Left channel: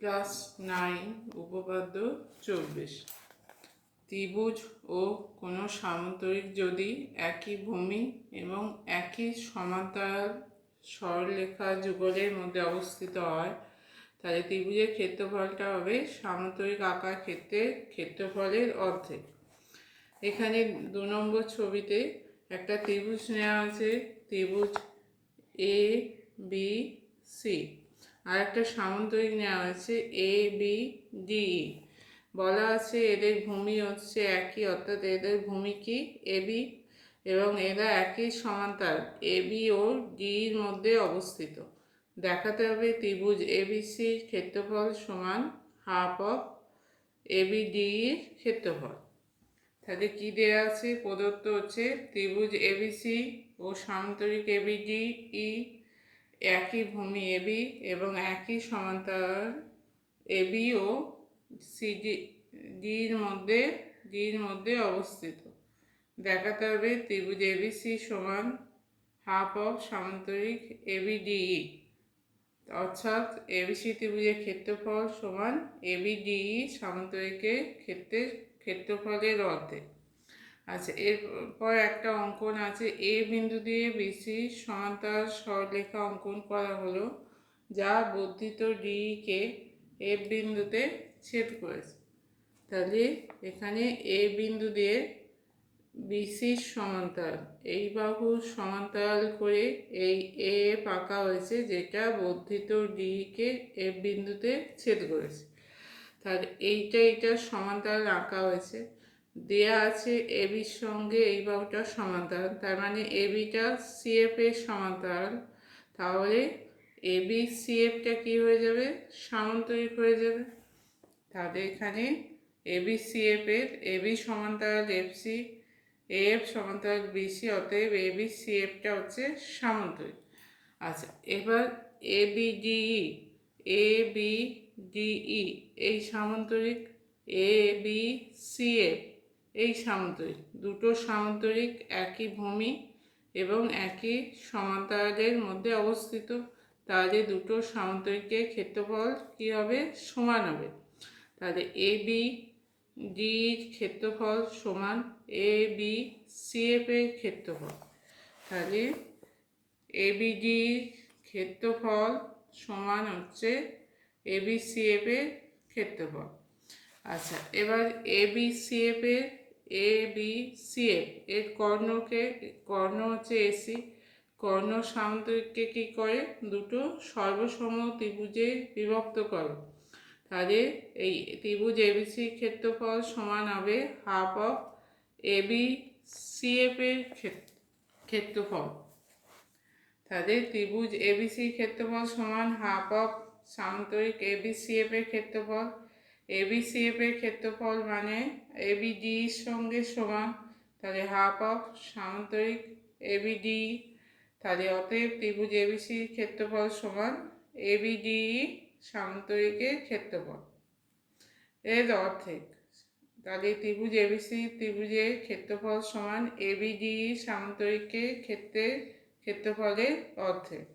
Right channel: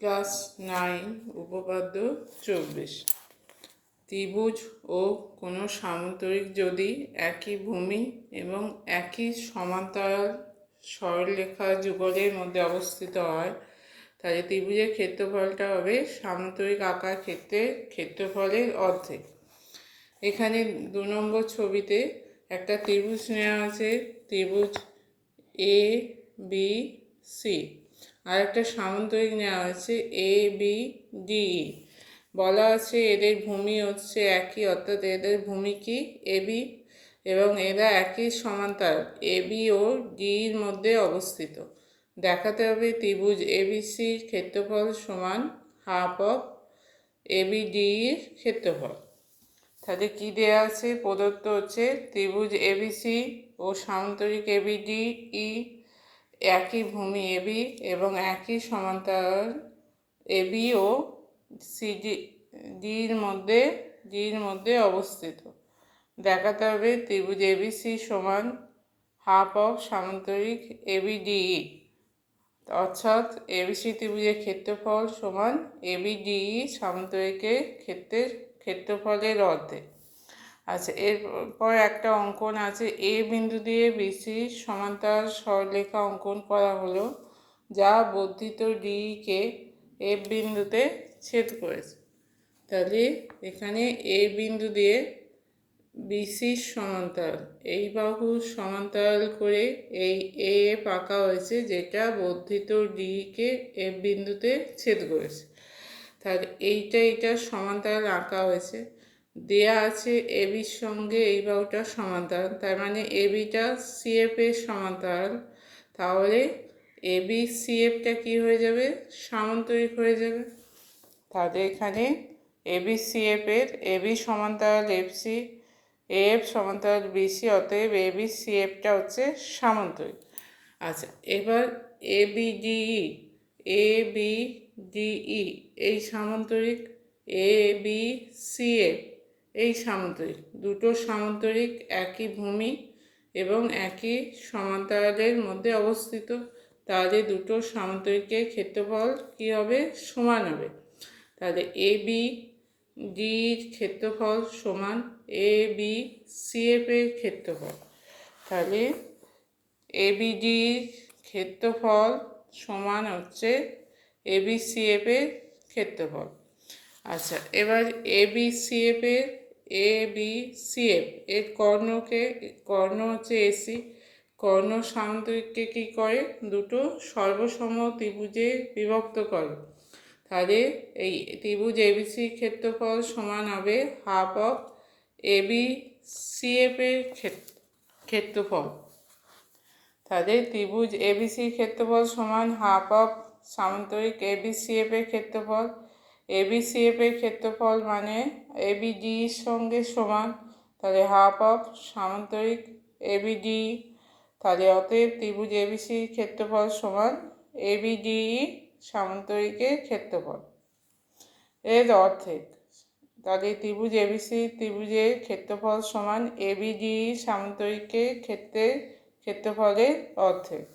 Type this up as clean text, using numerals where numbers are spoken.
Class 9 উপপাদ্য 24। ত্রিভুজ ও কোনো সামান্তরিক যদি একই ভূমি এবং একই সমান্তরাল সরলরেখা যুগলের মধ্যে অবস্থিত হয়, তাহলে ত্রিভুজের ক্ষেত্রফলটা হবে সামান্তরিক আকার ক্ষেত্রের ক্ষেত্রফলের অর্ধেক। এখানে 2 নম্বর ছবিতে একটা ত্রিভুজ নেওয়া আছে, ত্রিভুজ এ বি সি, আর একটা সামান্তরিক নেওয়া হয়েছে এ বি ডি। বলা আছে এদের ভূমি হচ্ছে একই, অর্থাৎ এদের ভূমি কি এ বি, এবং এরা একই সমান্তরাল এ বি ও ডির মধ্যে অবস্থিত। দেখাতে হবে ত্রিভুজ এবিসির ক্ষেত্রফল সমান হাফ অফ এবিডির ক্ষেত্রফল। তাহলে কি দেওয়া আছে? প্রদত্ত হচ্ছে ত্রিভুজ এবিসি ও সামান্তরিক এবিডি একই ভূমি এবি এবং একই সমান্তরাল এবি ও সিডি ডির মধ্যে অবস্থিত। দেখাতে হবে ত্রিভুজ এবিসি সমান হাফ অফ সামান্তরিক এবিডি, অর্থাৎ এবিসি ত্রিভুজের ক্ষেত্রফল সমান এবিডি সামান্তরিকের ক্ষেত্রফলের অর্ধেক। আচ্ছা, এরপর একটা অঙ্কন আছে, এ বিন্দু দিয়ে বিসি সমান্তরাল সরলরেখা অঙ্কন করা হলো, যা বর্ধিত ডিকে এফ বিন্দুতে ছেদ করেছে। তাহলে এখানে এ বিন্দু দিয়ে বিসির সমান্তরাল এই বাহু সমান্তরাল করে এই এফ আঁকা হয়েছে, যেটা বর্ধিত ডিকে এফ বিন্দুতে ছেদ করেছে। তাহলে এইটা সমান্তরাল আঁকা হয়েছে, দেয়া আছে এবির সঙ্গে এই বাহুটা সমান্তরাল, তার মানে এবিটা সিএফ এর সমান্তরাল। তাহলে এবি সিএফটা কি হয়ে যাবে? সামান্তরিক হয়ে যাবে। তাহলে এখানে এবি সিএফ এর এবি সমান্তরাল এফসি, এফ সমান্তরাল বিসি, অতএব এবি সিএফটা হচ্ছে সামান্তরিক। আচ্ছা, এবার এবিডিই এই সামান্তরিক, এ বি সি এফ এই সামান্তরিক, দুটো সামান্তরিক একই ভূমি এবং একই সমান্তরালের মধ্যে অবস্থিত। তাহলে দুটো সামান্তরিকের ক্ষেত্রফল কী হবে? সমান হবে। তাহলে এ বি ডির ক্ষেত্রফল সমান এ বি সি এফ এর ক্ষেত্রফল। তাহলে এ বি ডির ক্ষেত্রফল সমান হচ্ছে এ বি সি এফ এর ক্ষেত্রফল। আচ্ছা, এবার এ বি সি এফ এর কর্ণ হচ্ছে এসি, কর্ণ সামান্তরিককে কী করে? দুটো সর্বসম ত্রিভুজে বিভক্ত করে। তাহলে এই ত্রিভুজ এবিসির ক্ষেত্রফল সমান হবে হাফ অফ এবি সিএফ এর ক্ষেত্রফল। তাহলে ত্রিভুজ এবিসির ক্ষেত্রফল সমান হাফ অফ সামান্তরিক এবিসিএফ এর ক্ষেত্রফল। এবিসিএফ এর ক্ষেত্রফল মানে এবিডির সঙ্গে সমান, তাহলে হাফ অফ সামান্তরিক এবিডি। তাহলে অতএব ত্রিভুজ এবিসির ক্ষেত্রফল সমান এবিডি সামান্তরিকের ক্ষেত্রফল এর অর্ধেক। তাহলে ত্রিভুজ ত্রিভুজের ক্ষেত্রফল সমান এবিডি সামান্তরিকের ক্ষেত্রফলের অর্ধেক।